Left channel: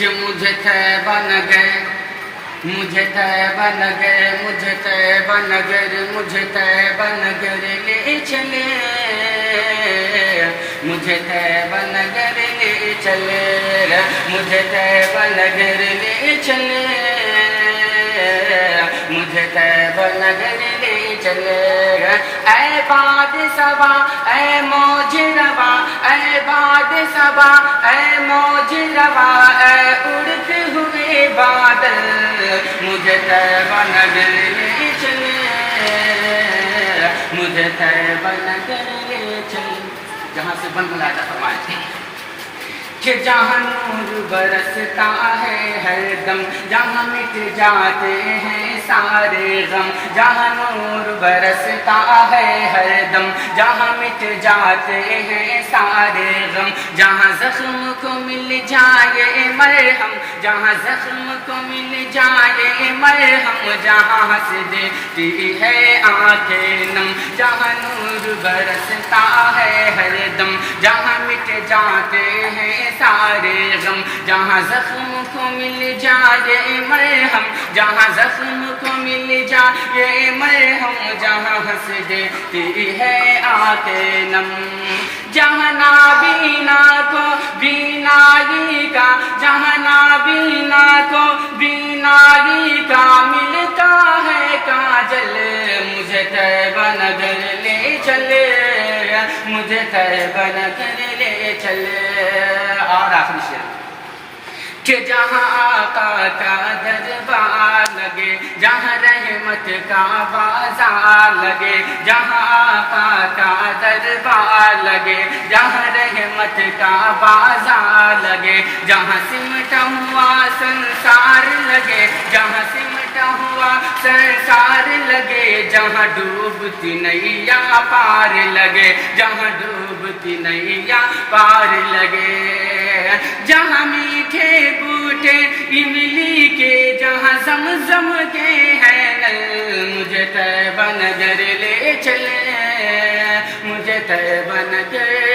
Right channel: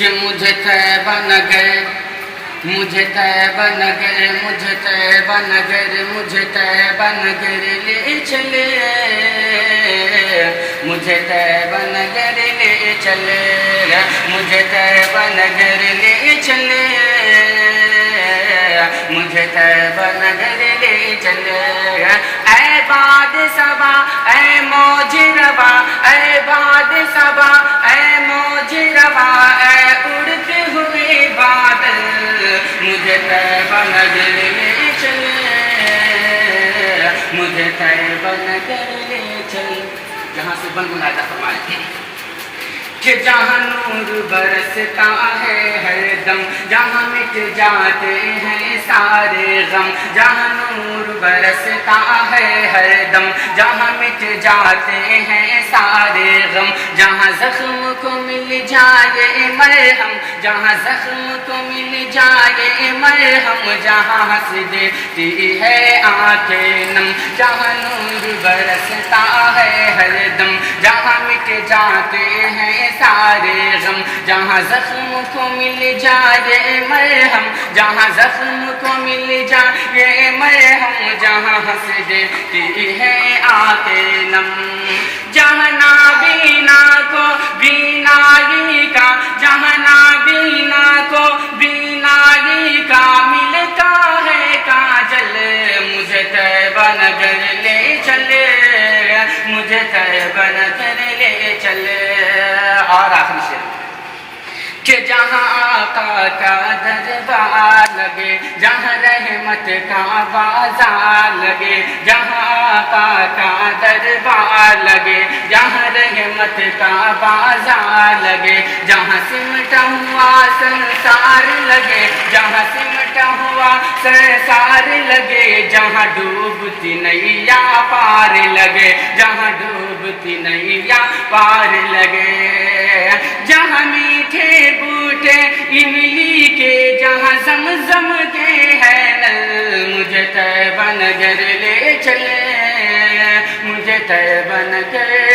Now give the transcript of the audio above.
کہ مجھے طیبہ نگر، مجھے طیبہ نگر، مجھے طیبہ نگر، مجھے طیبہ نگر لے چلے، مجھے طیبہ نگر لے چلے، مجھے طیبہ نگر لے چلے، مجھے طیبہ نگر لے چلے۔ اے باد صبا اے موج روا، اے باد صبا اے موج روا، اے اڑتے ہوئے بادل مجھے طیبہ نگر لے چلے، مجھے طیبہ نگر لے چلے۔ جہاں سے بن ملاحظہ فرمائے کہ جہاں نور برستا ہے ہر دم، جہاں مٹ جاتے ہیں سارے غم، جہاں نور برستا ہے ہر دم، جہاں مٹ جاتے ہیں سارے غم، جہاں زخم کو مل جائے مرہم، جہاں زخم کو مل جائے مرہم، جہاں ہنس دیتی ہے آنکھیں نم، جہاں نور برستا ہے ہر دم، جہاں مٹ جاتے ہیں سارے غم، جہاں زخم کو مل جائے مرہم، جہاں زخم کو مل جائے مرہم، جہاں ہنس دیتی ہے آنکھیں نم، جہاں نابینا کو بینائی کا، جہاں نابینا کو بینائی کا ملتا ہے کاجل، مجھے طیبہ نگر لے چلے، مجھے طیبہ نگر لے چلے۔ اور آخری شعر کہ جہاں آقا کا دربار لگے، جہاں رحمت کا بازار لگے، جہاں آقا کا دربار لگے، جہاں رحمت کا بازار لگے، جہاں سمٹا ہوا سنسار لگے، جہاں سمٹا ہوا سنسار لگے، جہاں ڈوبتی نیا پار لگے، جہاں ڈوبتی نیا پار لگے، جہاں میٹھے بوٹے املی کے، جہاں زمزم کے ہے نل، مجھے طیبہ نگر لے چلے، مجھے طیبہ نگر